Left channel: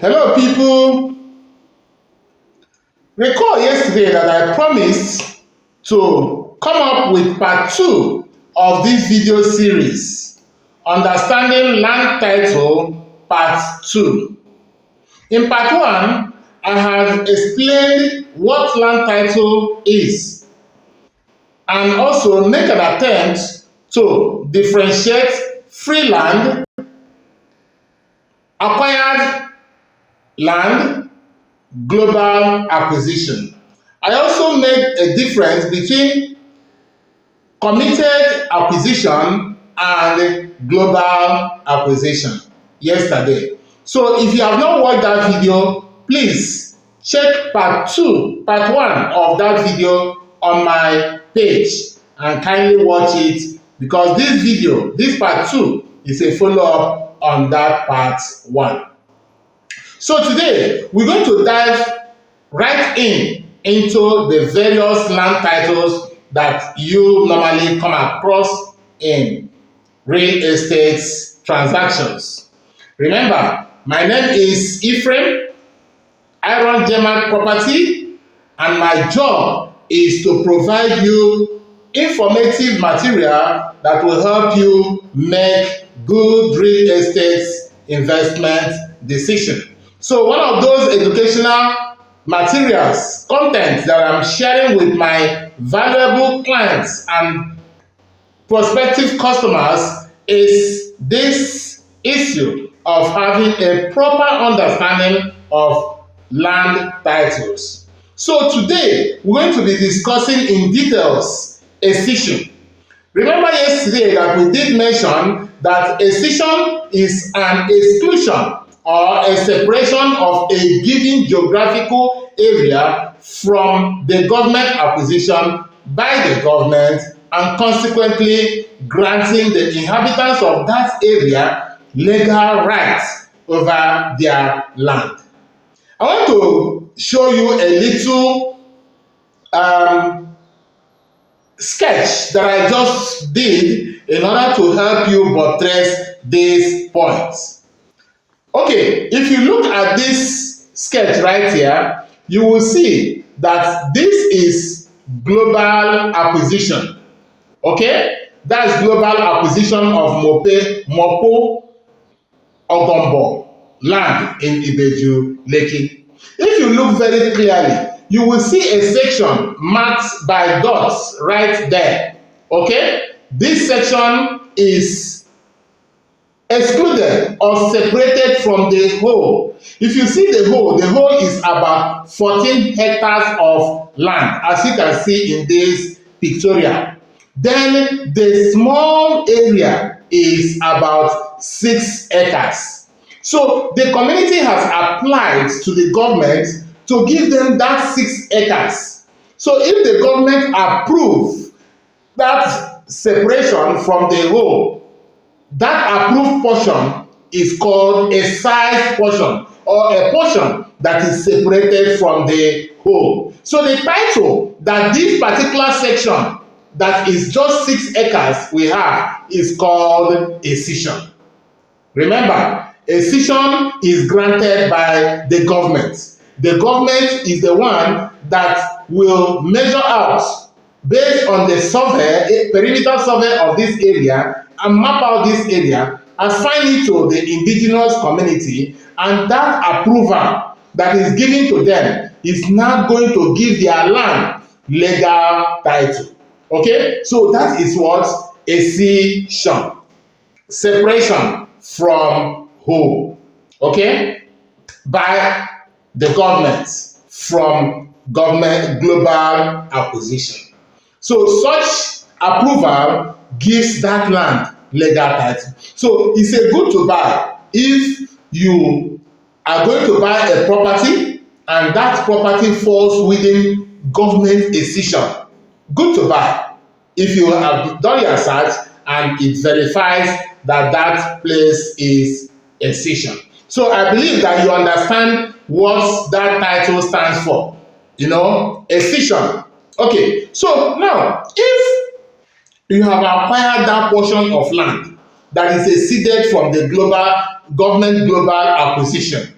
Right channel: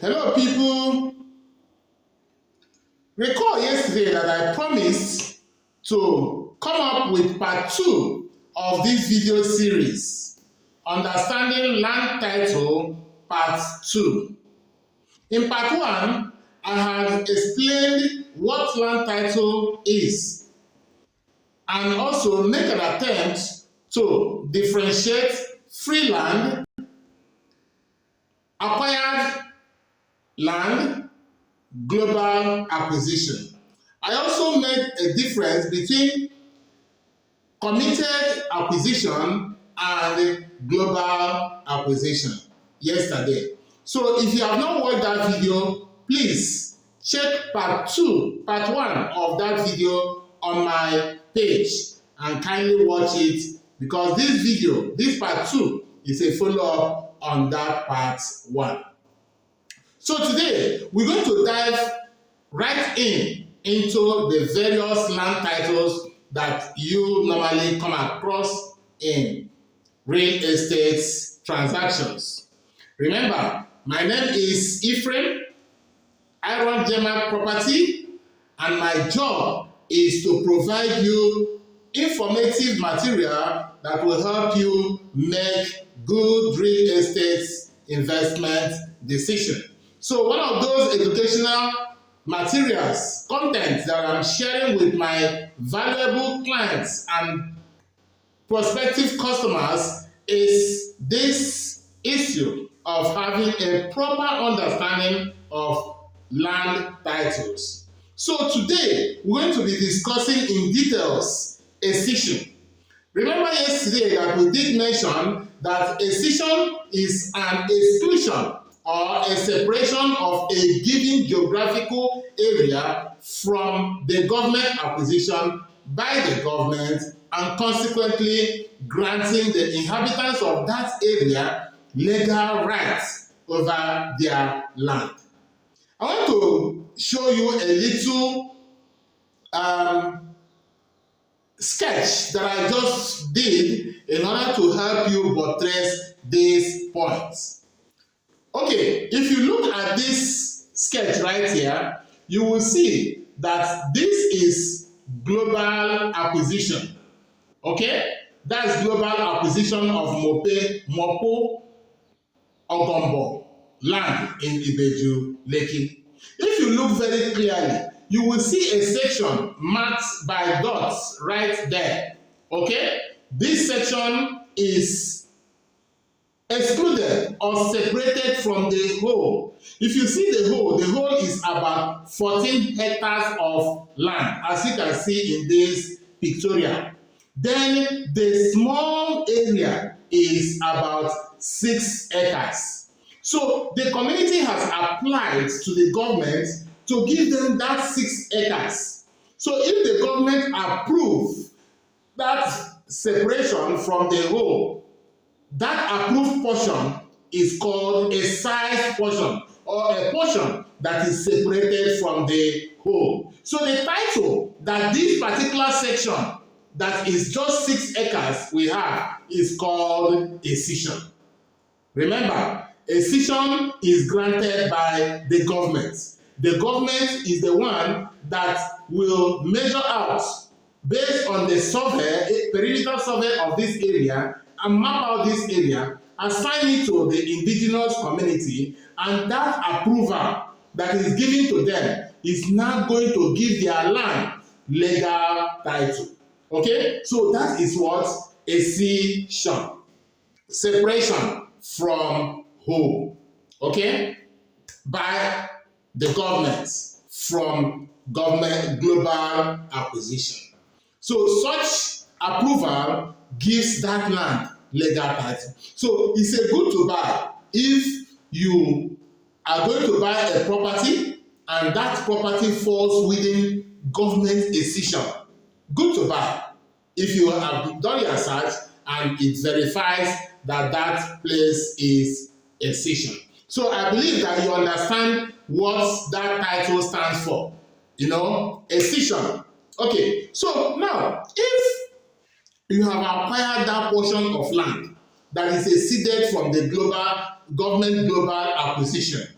Hello, people. Recall yesterday that I promised to come up with part 2 of this video series, Understanding Land Title Part 2. In part 1, I had explained what land title is and also make an attempt to differentiate free land, acquired land, global acquisition. I also made a difference between committed acquisition and global acquisition yesterday. So if you have not watched that video, please check part 1 of that video on my page and kindly watch it, because this part 2 is a follow-up on that part 1. So today, we're going to dive right into the various land titles that you normally come across in real estate transactions. Remember, my name is Ephraim, Iron German Property, and my job is to provide you informative material that will help you make good real estate investment decisions. So one of those educational materials, content that I'm sharing with my valuable clients and prospective customers is this issue of having a proper understanding of land titles. So today, we're going to be discussing in details escission. Remember yesterday that we did mention that escission is an exclusion or a separation of a given geographical area from the government acquisition by the government, and consequently granting the inhabitants of that area legal rights over their land. I want to show you a little sketch that I just did in order to help you buttress these points. Okay, if you look at this sketch right here, you will see that this is global acquisition. Okay, that's global acquisition of Mopo Ogombo land in Ibeju Lekki. If you look very clearly, you will see a section marked by dots right there. Okay, this section is excluded or separated from the whole. If you see the whole is about 14 hectares of land, as you can see in this pictorial. Then the small area is about 6 acres. So the community has applied to the government to give them that 6 acres. So if the government approve that separation from the whole, that approved portion is called a size portion, or a portion that is separated from the whole. So the title that this particular section that is just 6 acres we have is called escission. Remember, escission is granted by the government. The government is the one that will measure out based on the survey, perimeter survey of this area, and map out this area, assign it to the indigenous community, and that approval that is given to them is now going to give their land legal title. Okay, so that is what escission, separation from whole, okay, by the government from government global acquisition. So such approval gives that land legal title. So it's a good to buy if you are going to buy a property and that property falls within government escission. Good to buy if you have done your search and it verifies that that place is escission. So I believe that you understand what that title stands for. You know, escission. Okay, so now if you have acquired that portion of land that is ceded from the global government global acquisition,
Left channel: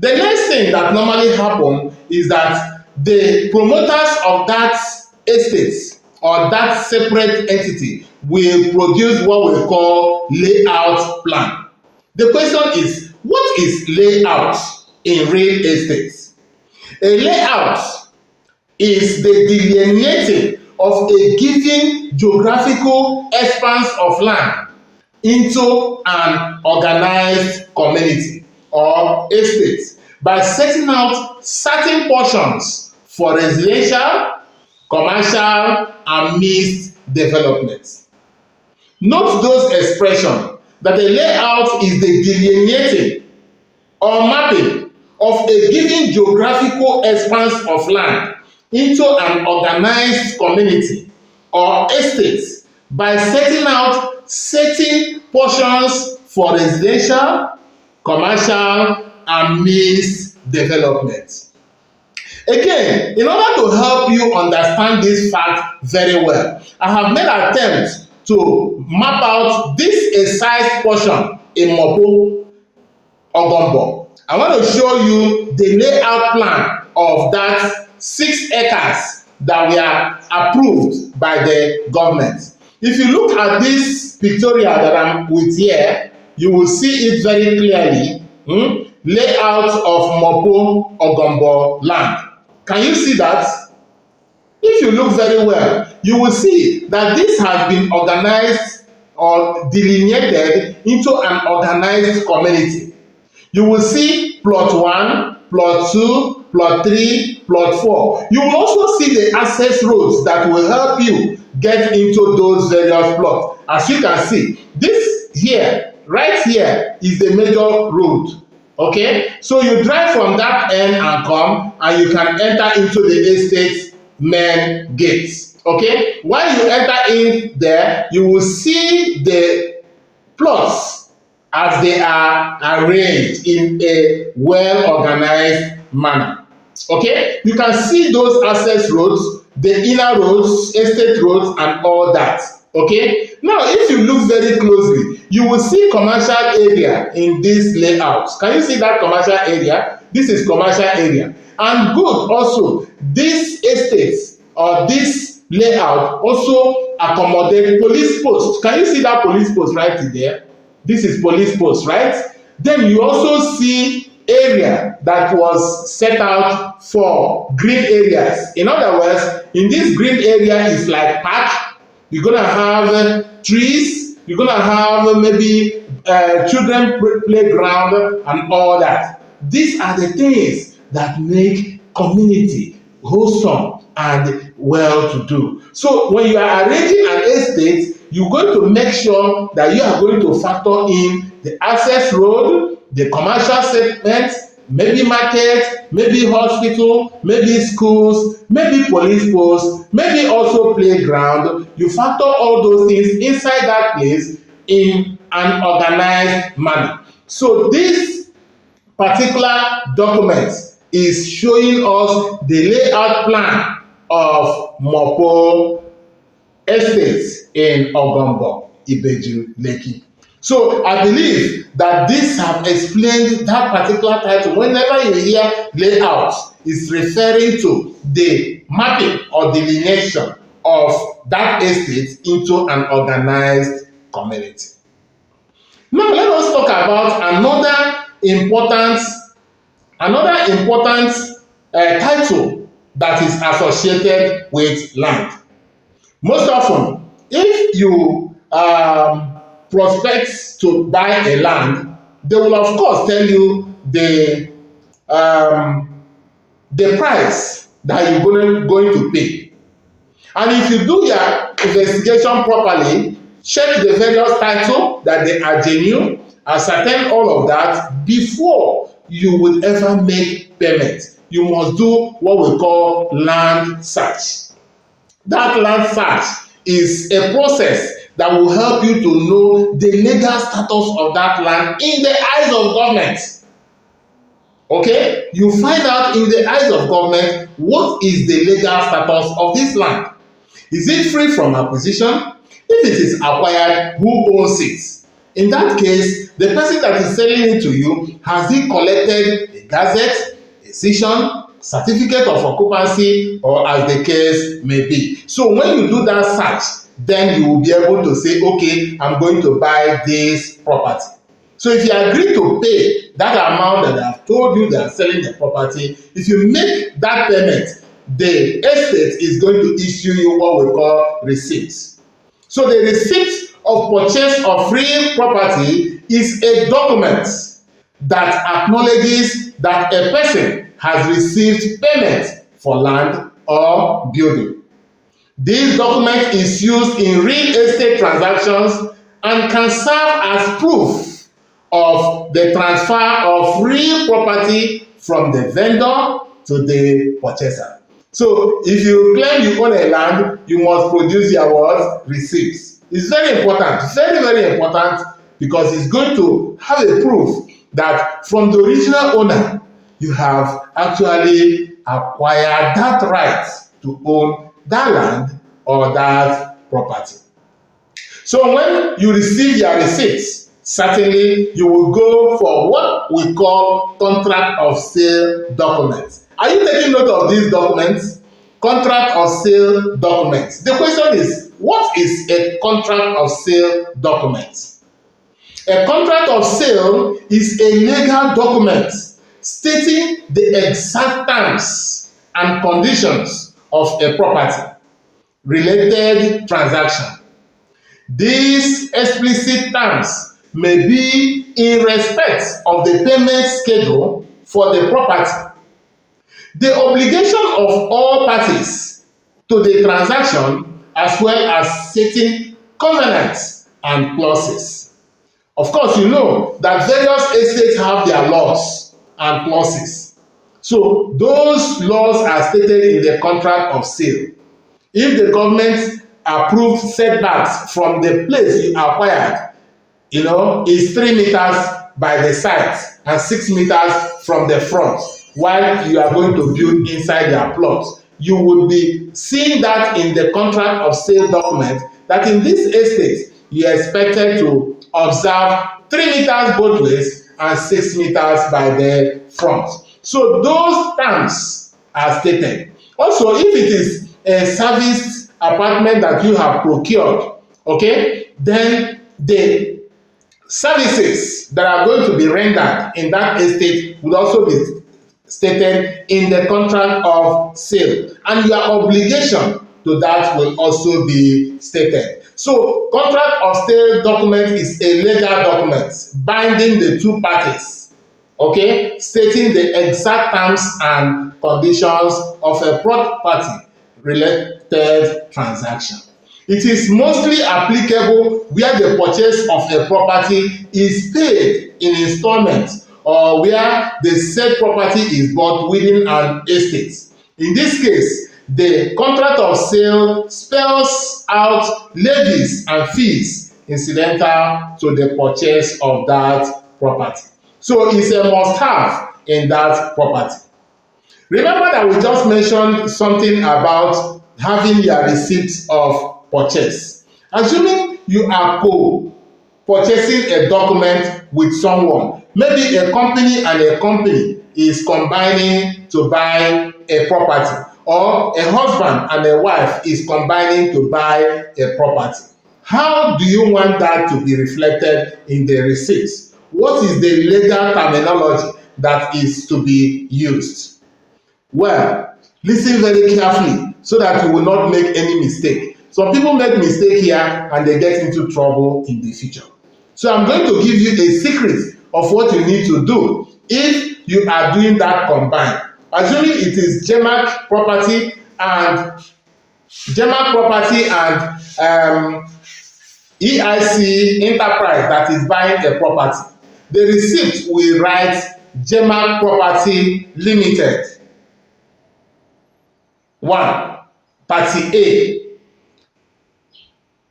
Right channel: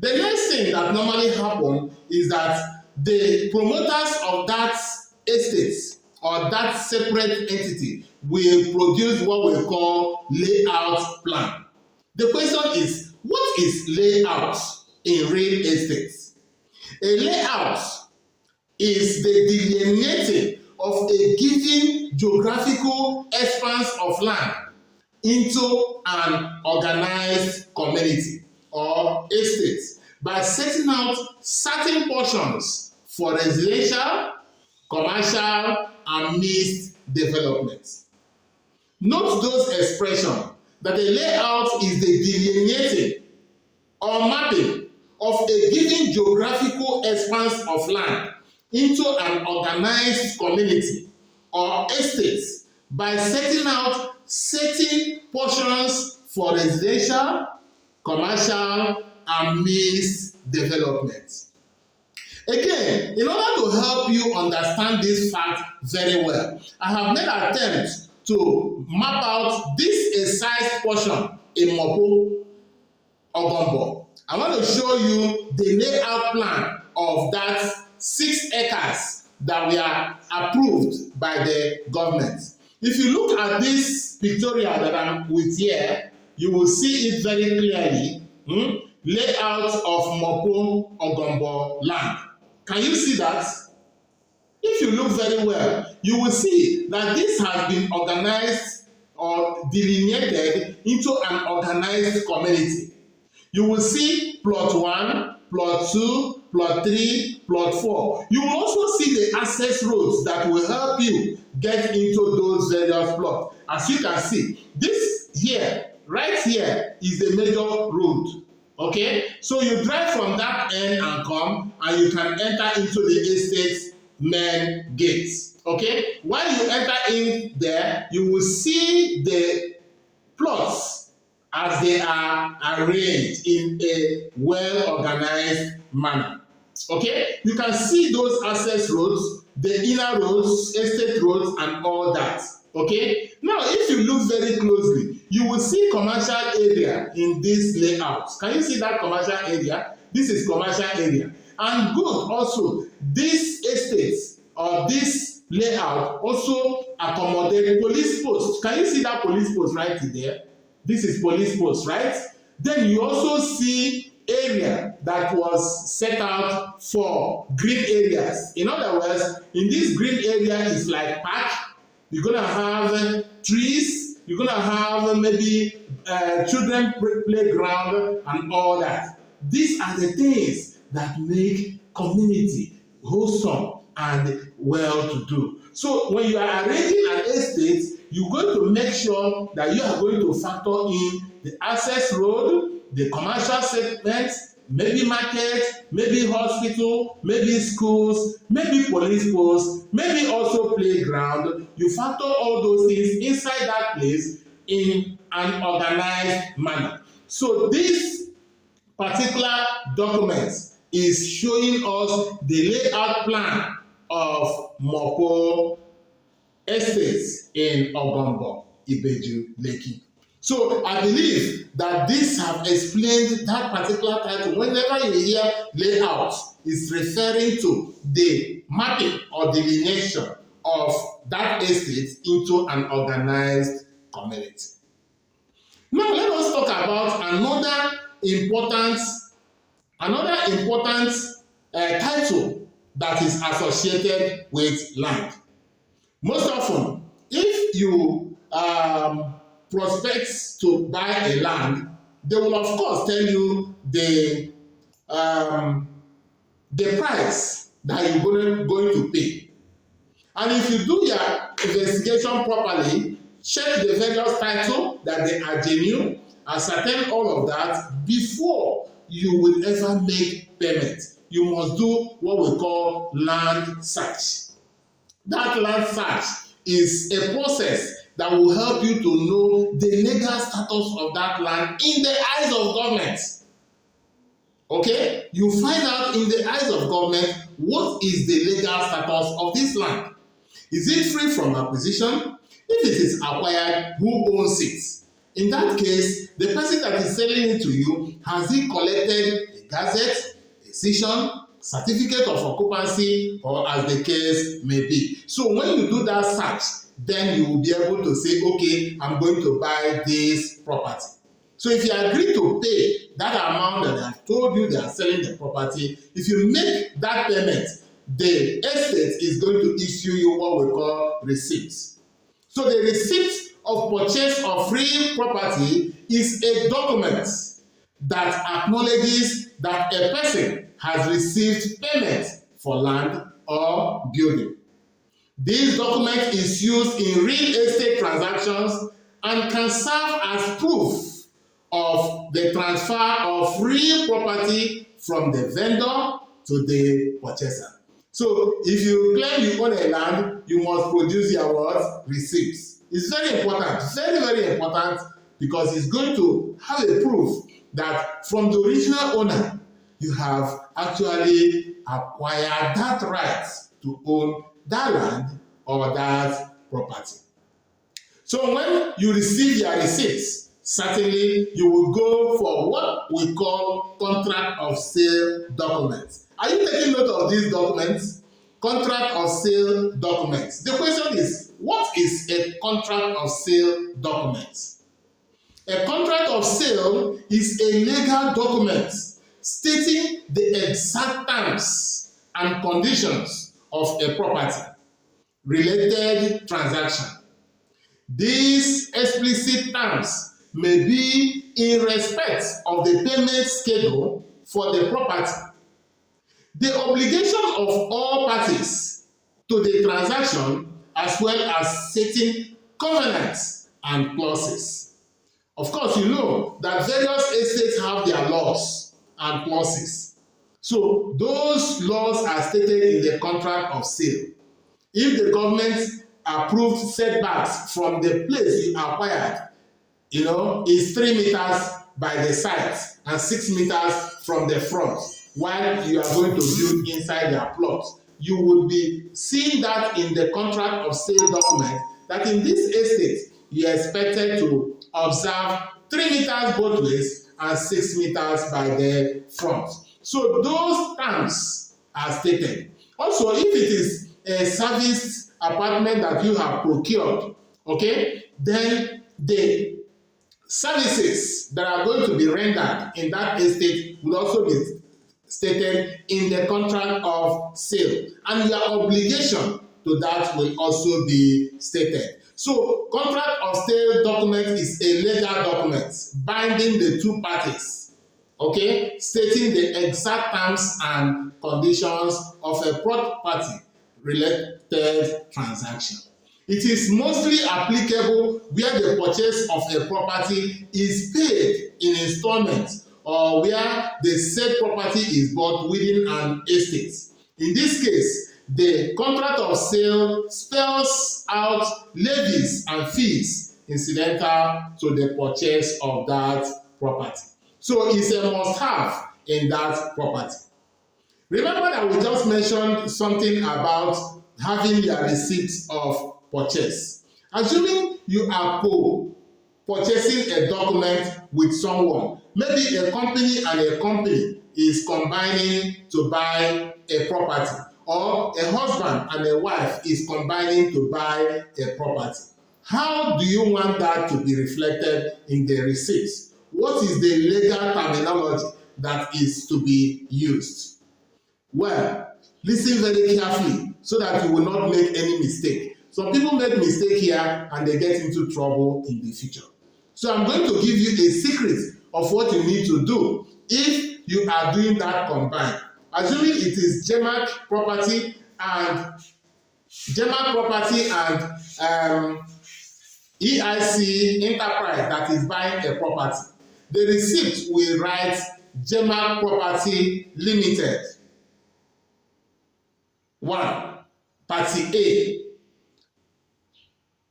The next thing that normally happen is that the promoters of that estate or that separate entity will produce what we call layout plan. The question is, what is layout in real estate? A layout is the delineating of a given geographical expanse of land into an organized community or estate by setting out certain portions for residential, commercial, and mixed development. Note those expressions that a layout is the delineating or mapping of a given geographical expanse of land into an organized community or estate by setting out certain portions for residential, commercial, and mixed development. Again, in order to help you understand this fact very well, I have made attempts to map out this excised portion in Mopo Ogombo. I want to show you the layout plan of that 6 acres that were approved by the government. If you look at this pictorial that I'm with here, you will see it very clearly. Layout of Mopo Ogombo land. Can you see that? If you look very well, you will see that this has been organized or delineated into an organized community. You will see plot 1, plot 2, plot 3, plot 4. You will also see the access roads that will help you get into those various plots. As you can see, this here, right here, is the major road. Okay, so you drive from that end and come, and you can enter into the estate main gates. Okay, while you enter in there, you will see the plots as they are arranged in a well-organized manner. Okay, you can see those access roads, the inner roads, estate roads, and all that. Okay, now if you look very closely, you will see commercial area in this layout. Can you see that commercial area? This is commercial area. And good also, this estate or this layout also accommodate police posts. Can you see that police post right there? This is police post, right? Then you also see area that was set out for green areas. In other words, in this green area is like park. You're gonna have trees. You're gonna have maybe children playground and all that. These are the things that make community wholesome and well-to-do. So when you are arranging an estate, you're going to make sure that you are going to factor in the access road, the commercial segments, maybe market, maybe hospital, maybe schools, maybe police posts, maybe also playground. You factor all those things inside that place in an organized manner. So this particular document is showing us the layout plan of Mopo Estates in Ogombo, Ibeju, Lekki. So I believe that this have explained that particular title. Whenever you hear layout, it's referring to the mapping or delineation of that estate into an organized community. Now let us talk about another important title that is associated with land. Most often, if you prospect to buy a land, they will of course tell you the price that you're going to pay. And if you do your investigation properly, check the various titles that they are genuine, ascertain all of that before you would ever make payment. You must do what we call land search. That land search is a process that will help you to know the legal status of that land in the eyes of government. Okay? You find out in the eyes of government what is the legal status of this land. Is it free from acquisition? If it is acquired, who owns it? In that case, The person that is selling it to you, has he collected a gazette, a session, certificate of occupancy, or as the case may be. So when you do that search, then you will be able to say, okay, I'm going to buy this property. So if you agree to pay that amount that I've told you they are selling the property, if you make that payment, the estate is going to issue you what we call receipts. So the receipt of purchase of real property is a document that acknowledges that a person has received payment for land or building. This document is used in real estate transactions and can serve as proof of the transfer of real property from the vendor to the purchaser. So if you claim you own a land, you must produce your what? Receipts. It's very important, very, very important, because it's going to have a proof that from the original owner, you have actually acquired that right to own that land or that property. So when you receive your receipts, certainly you will go for what we call contract of sale documents. Are you taking note of these documents? Contract of sale documents. The question is, what is a contract of sale document? A contract of sale is a legal document stating the exact terms and conditions of a property related transaction. These explicit terms may be in respect of the payment schedule for the property, the obligation of all parties to the transaction, as well as certain covenants and clauses. Of course, you know that various estates have their laws and clauses. So those laws are stated in the contract of sale. If the government approved setbacks from the place you acquired, is 3 meters by the side and 6 meters from the front, while you are going to build inside your plot, you will be seeing that in the contract of sale document that in this estate you are expected to observe 3 meters both ways and 6 meters by the front. So those terms are stated. Also, if it is a serviced apartment that you have procured, okay, then the services that are going to be rendered in that estate would also be stated in the contract of sale, and your obligation to that will also be stated. So contract of sale document is a legal document binding the two parties, okay, stating the exact terms and conditions of a property related transaction. It is mostly applicable where the purchase of a property is paid in installments or where the said property is bought within an estate. In this case, the contract of sale spells out levies and fees incidental to the purchase of that property. So it's a must-have in that property. Remember that we just mentioned something about having your receipts of purchase. Assuming you are purchasing a document with someone, maybe a company and a company is combining to buy a property, or a husband and a wife is combining to buy a property. How do you want that to be reflected in the receipts? What is the legal terminology that is to be used? Well, listen very carefully so that you will not make any mistake. Some people make mistake here and they get into trouble in the future. So I'm going to give you a secret of what you need to do if you are doing that combined. Assuming it is GEMAC property and EIC Enterprise that is buying a property, the receipt will write GEMAC Property Limited 1, Party A.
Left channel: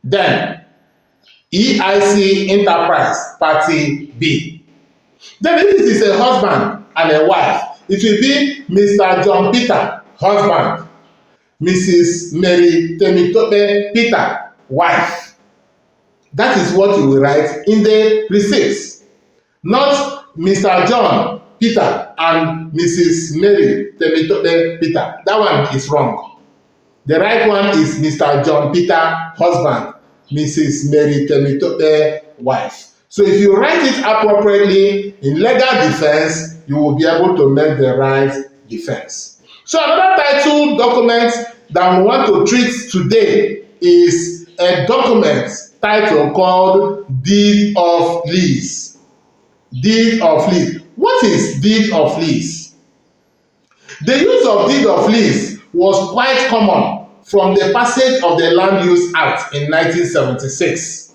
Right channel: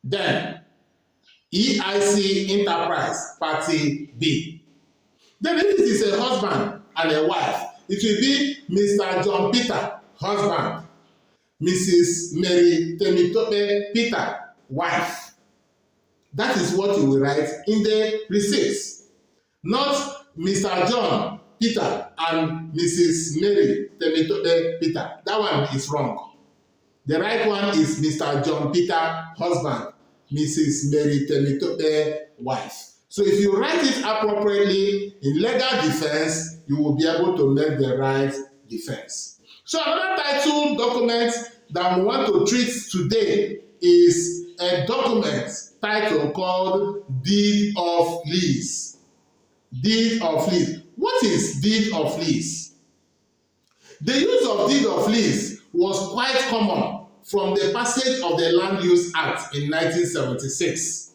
Then EIC Enterprise, Party B. Then if it is a husband and a wife, it will be Mr. John Peter, husband, Mrs. Mary Temitope Peter, wife. That is what you will write in the receipts. not Mr. John Peter and Mrs. Mary Temitope Peter. That one is wrong. The right one is Mr. John Peter, husband, Mrs. Mary Temitope, wife. So if you write it appropriately in legal defense, you will be able to make the right defense. So another title document that we want to treat today is a document title called Deed of Lease. Deed of lease. What is deed of lease? The use of deed of lease was quite common from the passage of the Land Use Act in 1976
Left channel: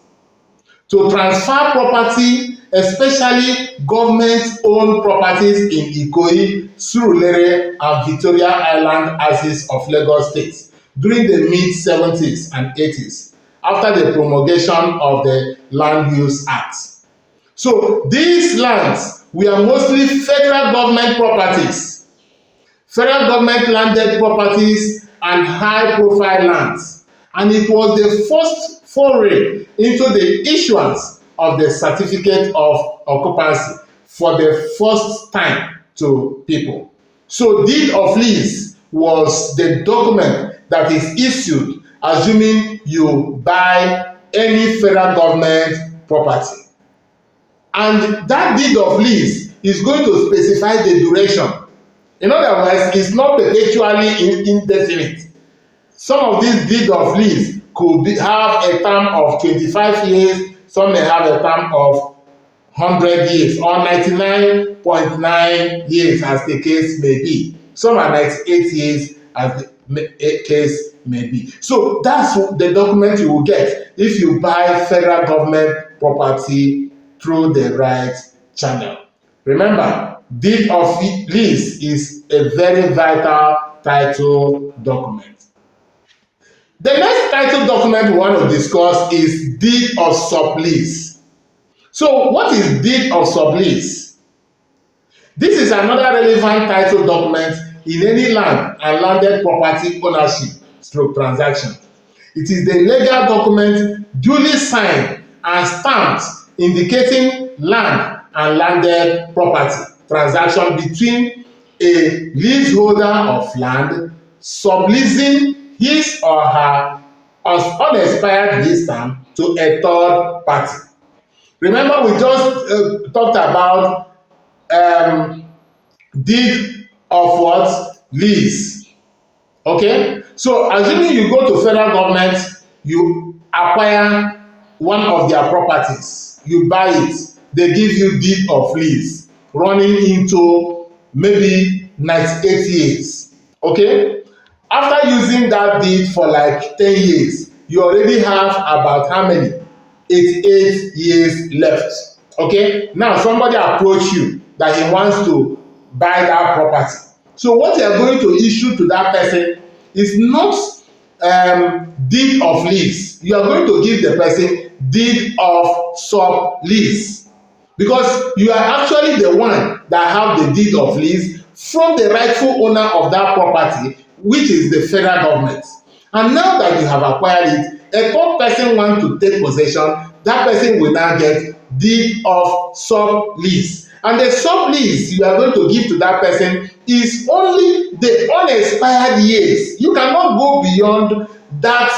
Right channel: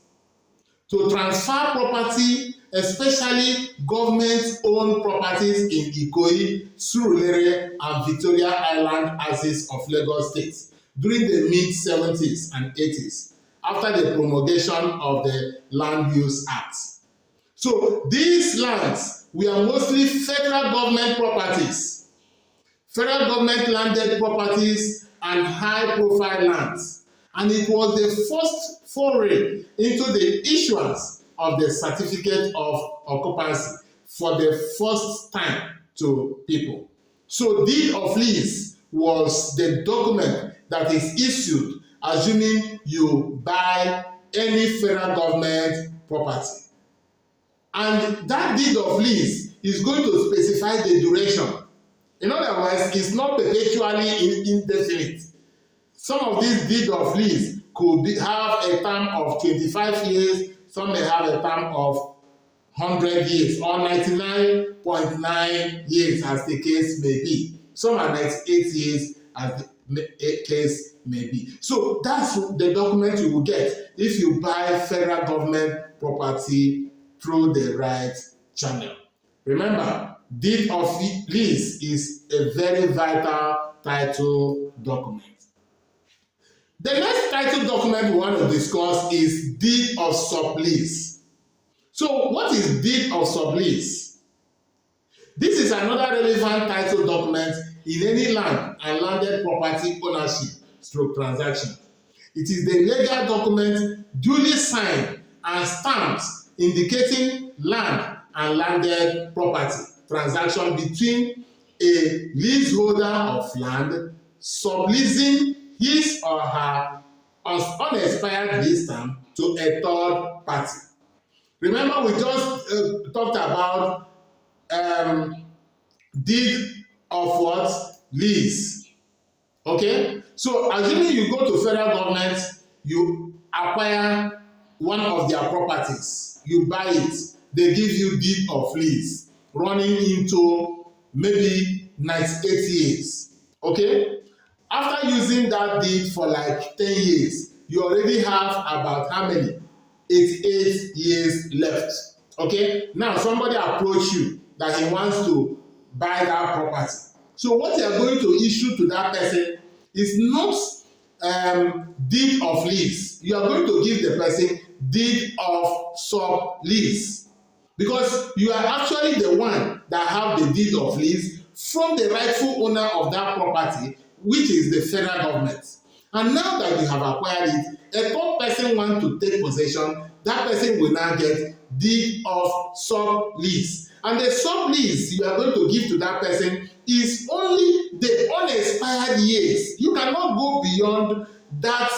to transfer property, especially government-owned properties in Ikoyi, Surulere, and Victoria Island axis of Lagos State during the mid-70s and 80s after the promulgation of the Land Use Act. So these lands were mostly federal government properties, federal government landed properties and high-profile lands. And it was the first foray into the issuance of the certificate of occupancy for the first time to people. So deed of lease was the document that is issued assuming you buy any federal government property. And that deed of lease is going to specify the duration. In other words, it's not perpetually indefinite. Some of these deed of lease could have a term of 25 years, some may have a term of 100 years or 99.9 years as the case may be. Some are 98 years as the case may be. So that's the document you will get if you buy federal government property through the right channel. Remember, deed of lease is a very vital title document. The next title document we want to discuss is deed of sublease. So what is deed of sublease? This is another relevant title document in any land and landed property ownership / transaction. It is the legal document duly signed and stamped indicating land and landed property transaction between a leaseholder of land subleasing his or her unexpired lease term to a third party. Remember, we just talked about deed of what? Lease. Okay? So assuming you go to federal government, you acquire one of their properties, you buy it, they give you deed of lease running into maybe 98 years. Okay? After using that deed for like 10 years, you already have about how many? 88 years left. Okay? Now somebody approach you that he wants to buy that property. So what you are going to issue to that person is not deed of lease. You are going to give the person deed of sublease, because you are actually the one that have the deed of lease from the rightful owner of that property, which is the federal government. And now that you have acquired it, a third person wants to take possession, that person will now get deed of sublease. And the sublease you are going to give to that person is only the unexpired years. You cannot go beyond that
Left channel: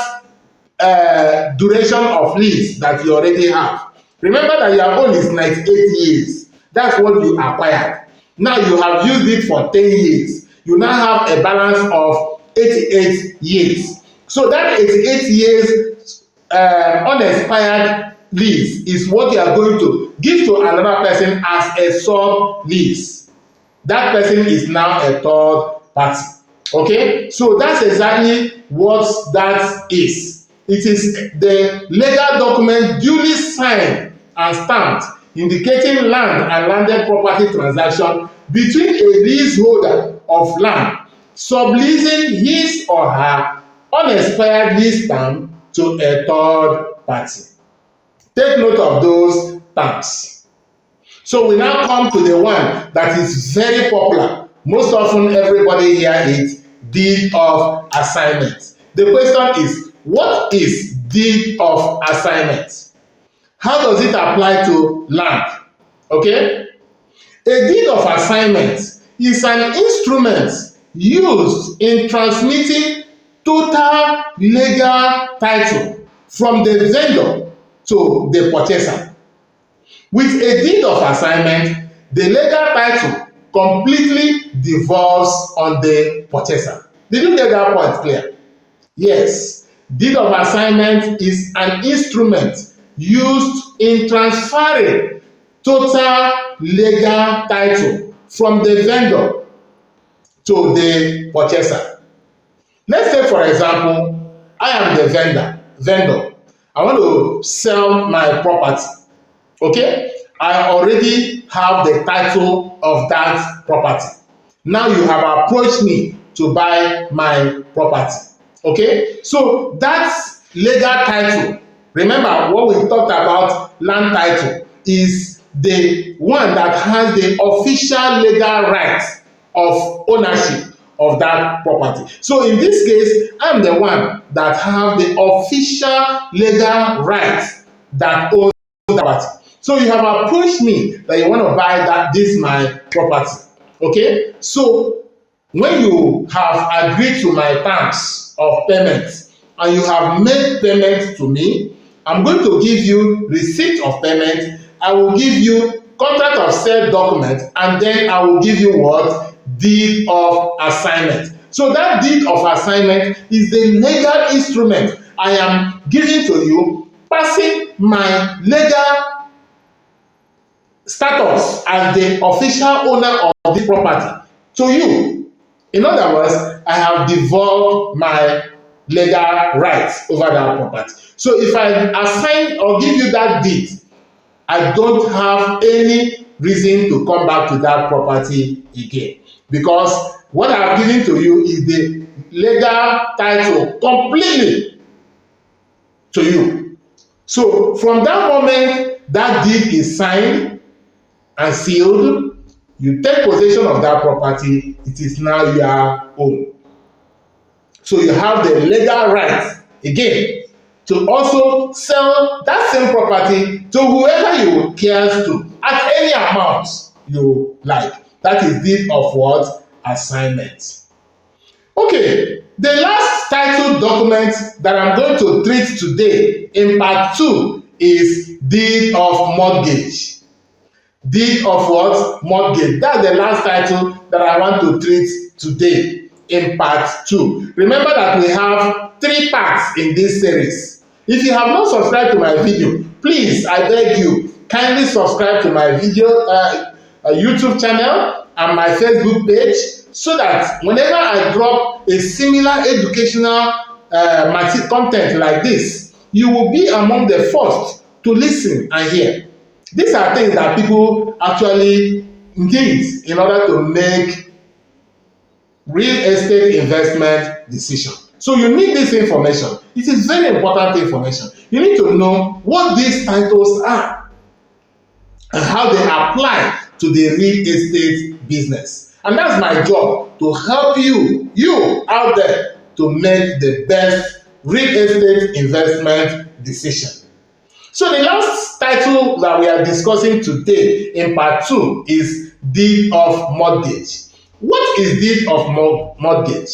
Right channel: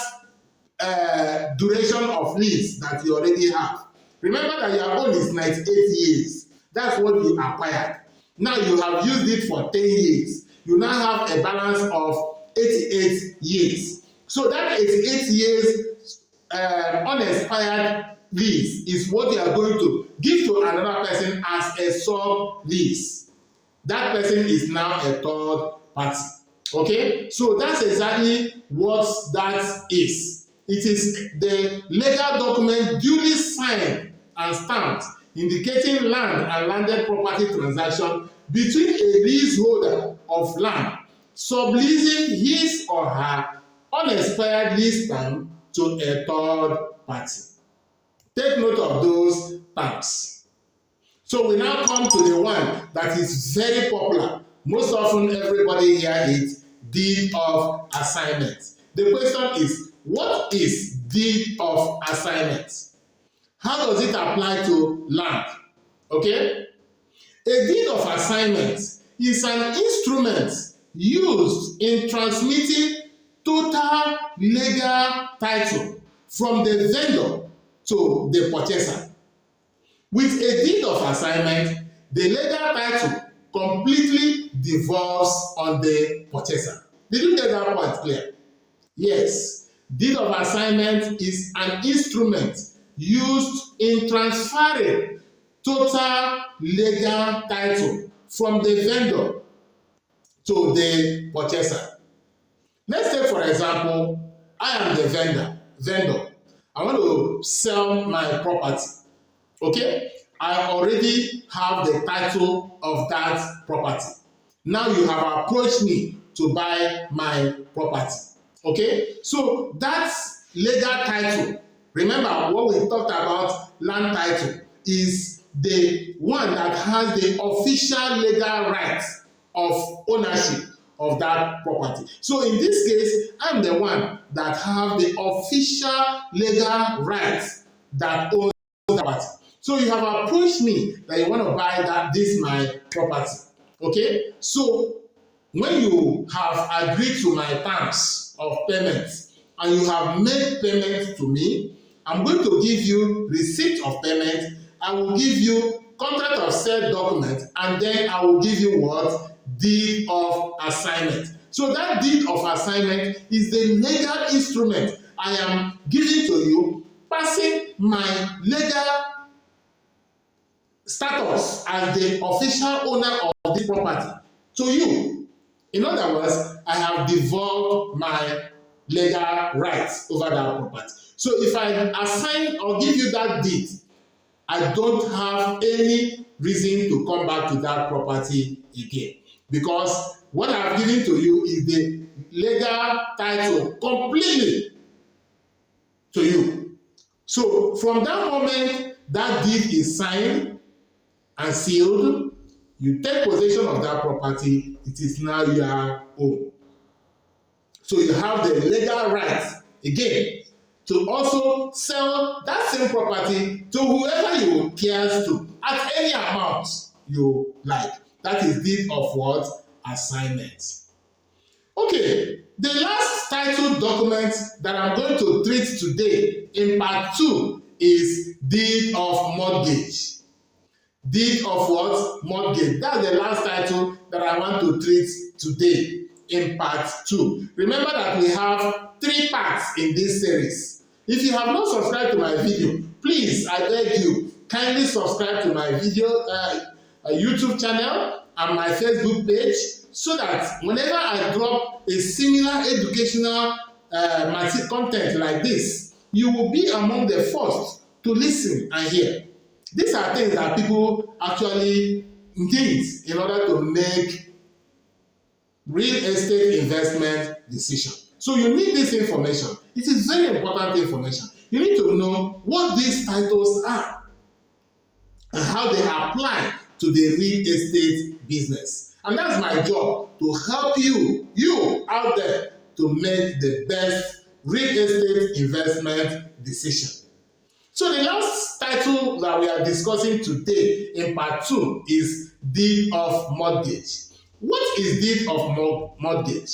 duration of lease that you already have. Remember that your own is 98 years. That's what you acquired. Now you have used it for 10 years. You now have a balance of 88 years. So that 88 years unexpired lease is what you are going to give to another person as a sub-lease. That person is now a third party. Okay? So that's exactly what that is. It is the legal document duly signed and stamped indicating land and landed property transaction between a leaseholder of land subleasing his or her unexpired lease term to a third party. Take note of those terms. So we now come to the one that is very popular. Most often everybody hear it, deed of assignment. The question is, what is deed of assignment? How does it apply to land? Okay? A deed of assignment is an instrument used in transmitting total legal title from the vendor to the purchaser. With a deed of assignment, the legal title completely devolves on the purchaser. Did you get that point clear? Yes. Deed of assignment is an instrument used in transferring total legal title from the vendor to the purchaser. Let's say, for example, I am the vendor. I want to sell my property. Okay? I already have the title of that property. Now you have approached me to buy my property. Okay? So that's legal title. Remember what we talked about land title is the one that has the official legal rights of ownership of that property. So in this case, I'm the one that have the official legal rights that owns that property. So you have approached me that you want to buy this my property. Okay? So when you have agreed to my terms of payment and you have made payment to me, I'm going to give you receipt of payment. I will give you contract of sale document, and then I will give you what? Deed of assignment. So that deed of assignment is the legal instrument I am giving to you, passing my legal status as the official owner of this property to you. In other words, I have devolved my legal rights over that property. So if I assign or give you that deed, I don't have any reason to come back to that property again, because what I've given to you is the legal title completely to you. So from that moment that deed is signed and sealed, you take possession of that property, it is now your own. So you have the legal right again to also sell that same property to whoever you cares to at any amount you like. That is deed of what? Assignment. Okay, the last title document that I'm going to treat today in part 2 is deed of mortgage. Deed of what? Mortgage. That's the last title that I want to treat today in part 2. Remember that we have 3 parts in this series. If you have not subscribed to my video, please, I beg you, kindly subscribe to my video YouTube channel and my Facebook page, so that whenever I drop a similar educational content like this, you will be among the first to listen and hear. These are things that people actually need in order to make real estate investment decision. So you need this information. It is very important information. You need to know what these titles are and how they apply to the real estate business. And that's my job, to help you out there, to make the best real estate investment decision. So the last title that we are discussing today in part 2 is deed of mortgage. What is deed of mortgage?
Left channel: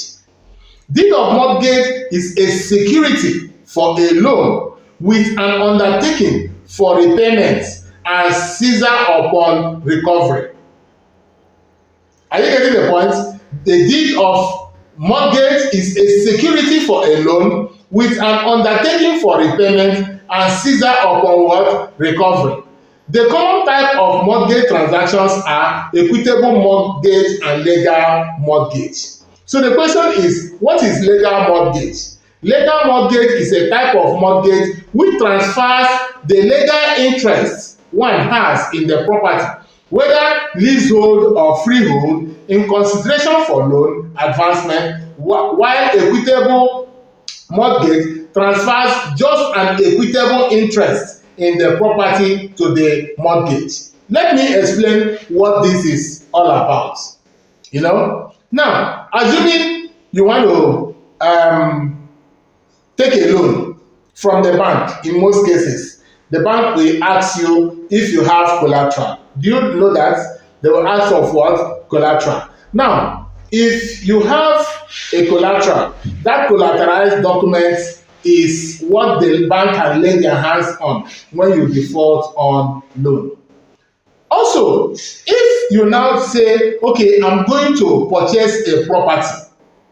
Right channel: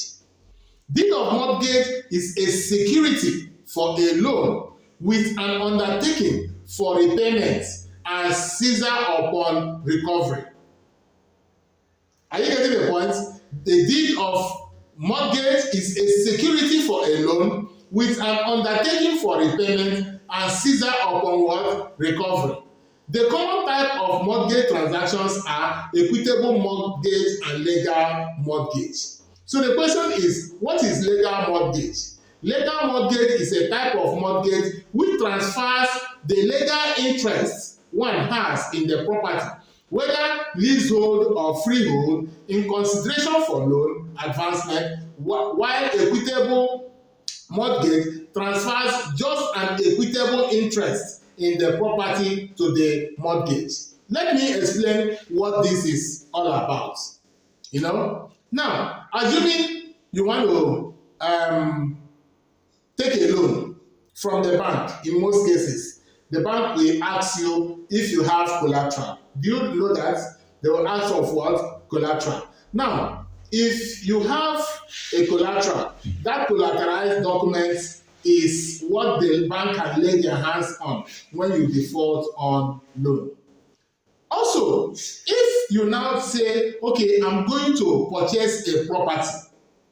Deed of mortgage is a security for a loan with an undertaking for repayment and seizure upon recovery. Are you getting the point? The deed of mortgage is a security for a loan with an undertaking for repayment and seizure upon what? Recovery. The common type of mortgage transactions are equitable mortgage and legal mortgage. So the question is, what is legal mortgage? Legal mortgage is a type of mortgage which transfers the legal interest one has in the property, whether leasehold or freehold, in consideration for loan advancement, while equitable mortgage transfers just an equitable interest in the property to the mortgage. Let me explain what this is all about. Now, assuming you want to take a loan from the bank, in most cases, the bank will ask you if you have collateral. Do you know that? They will ask of what? Collateral. Now, if you have a collateral, that collateralized document is what the bank can lay their hands on when you default on loan. Also, if you now say, okay, I'm going to purchase a property,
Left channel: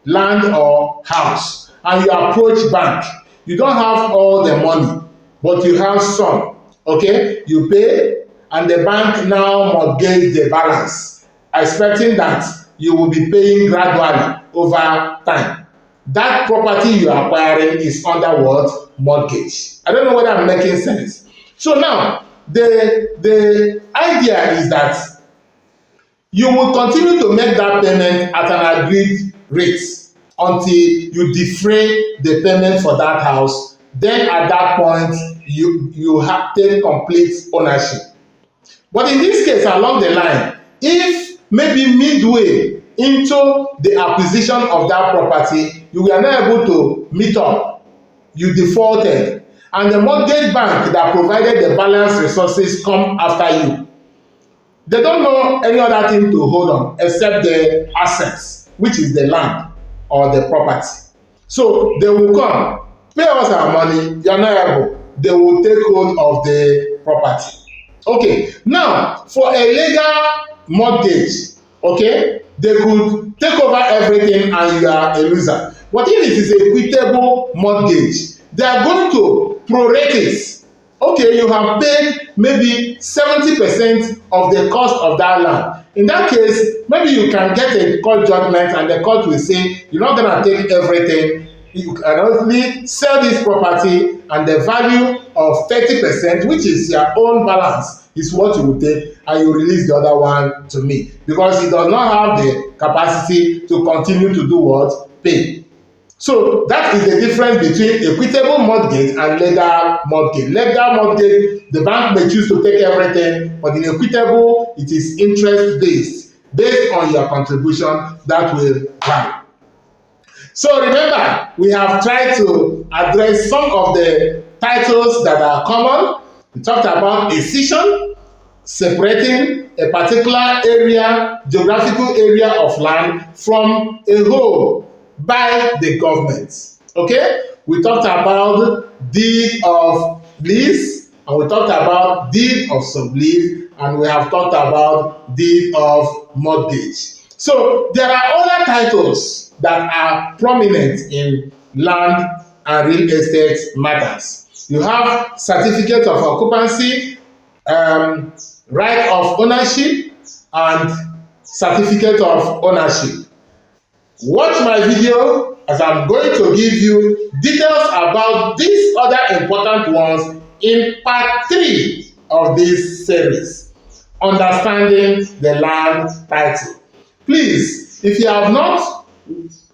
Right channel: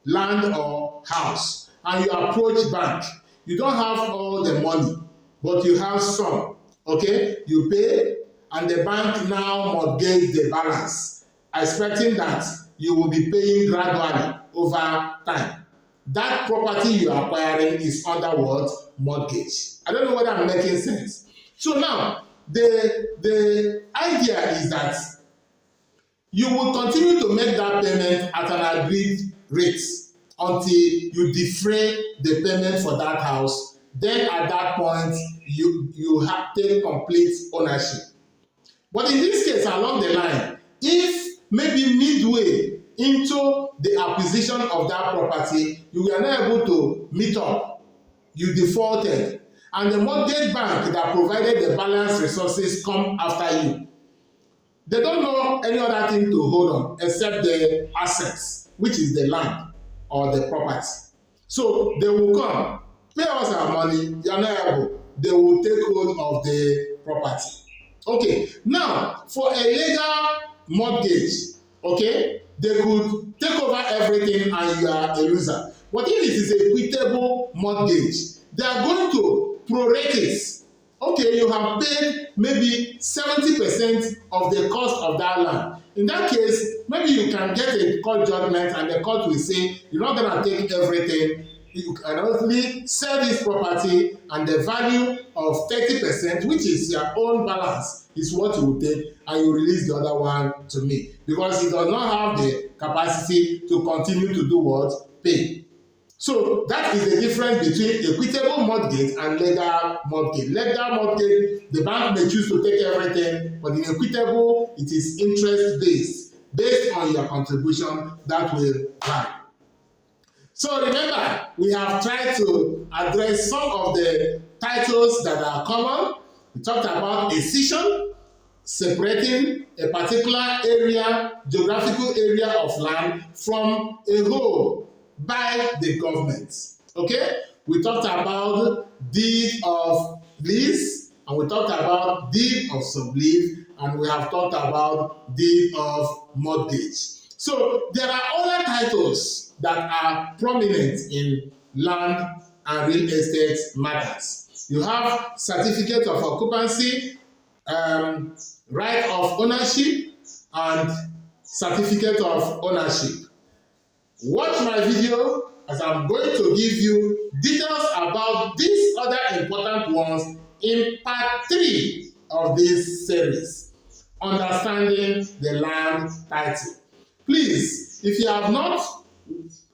land or house, and you approach bank, you don't have all the money, but you have some, okay? You pay, and the bank now mortgage the balance, expecting that you will be paying gradually over time. That property you are acquiring is under what? Mortgage. I don't know whether I'm making sense. So now, the idea is that you will continue to make that payment at an agreed rate until you defray the payment for that house. Then at that point, you have take complete ownership. But in this case, along the line, if maybe midway into the acquisition of that property, you were not able to meet up, you defaulted, and the mortgage bank that provided the balance resources come after you, they don't know any other thing to hold on except the assets, which is the land or the property. So they will come, pay us our money, you are not able. They will take hold of the property. Okay, now for a legal mortgage, okay, they could take over everything and you are a loser. But if it is a equitable mortgage, they are going to prorate it. Okay, you have paid maybe 70% of the cost of that land. In that case, maybe you can get a court judgment and the court will say, you're not going to take everything. You can only sell this property and the value of 30%, which is your own balance, is what you will take, and you release the other one to me. Because it does not have the capacity to continue to do what? Pay. So that is the difference between equitable mortgage and legal mortgage. Legal mortgage, the bank may choose to take everything, but in equitable, it is interest based on your contribution that will vary. So remember, we have tried to address some of the titles that are common. We talked about escission, separating a particular area, geographical area of land from a whole by the government. Okay? We talked about deed of lease, and we talked about deed of sublease, and we have talked about deed of mortgage. So there are other titles that are prominent in land and real estate matters. You have certificate of occupancy, right of ownership, and certificate of ownership. Watch my video as I'm going to give you details about these other important ones in part 3 of this series, Understanding the Land Title. Please, if you have not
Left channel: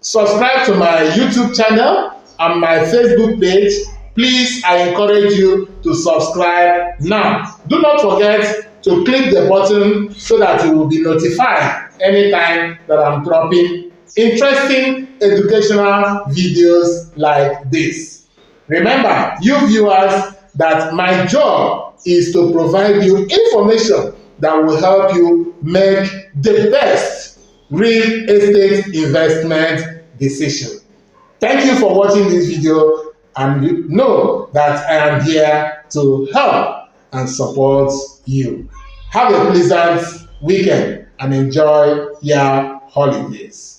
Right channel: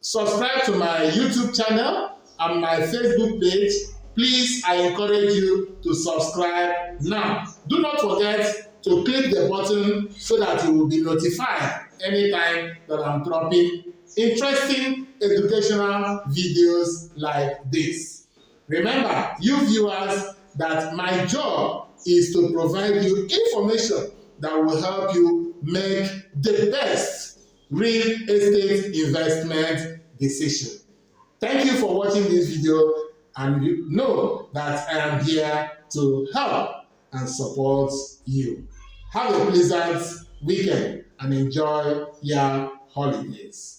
subscribed to my YouTube channel and my Facebook page, please, I encourage you to subscribe now. Do not forget to click the button so that you will be notified anytime that I'm dropping interesting educational videos like this. Remember, you viewers, that my job is to provide you information that will help you make the best real estate investment decision. Thank you for watching this video, and you know that I am here to help and support you. Have a pleasant weekend and enjoy your holidays.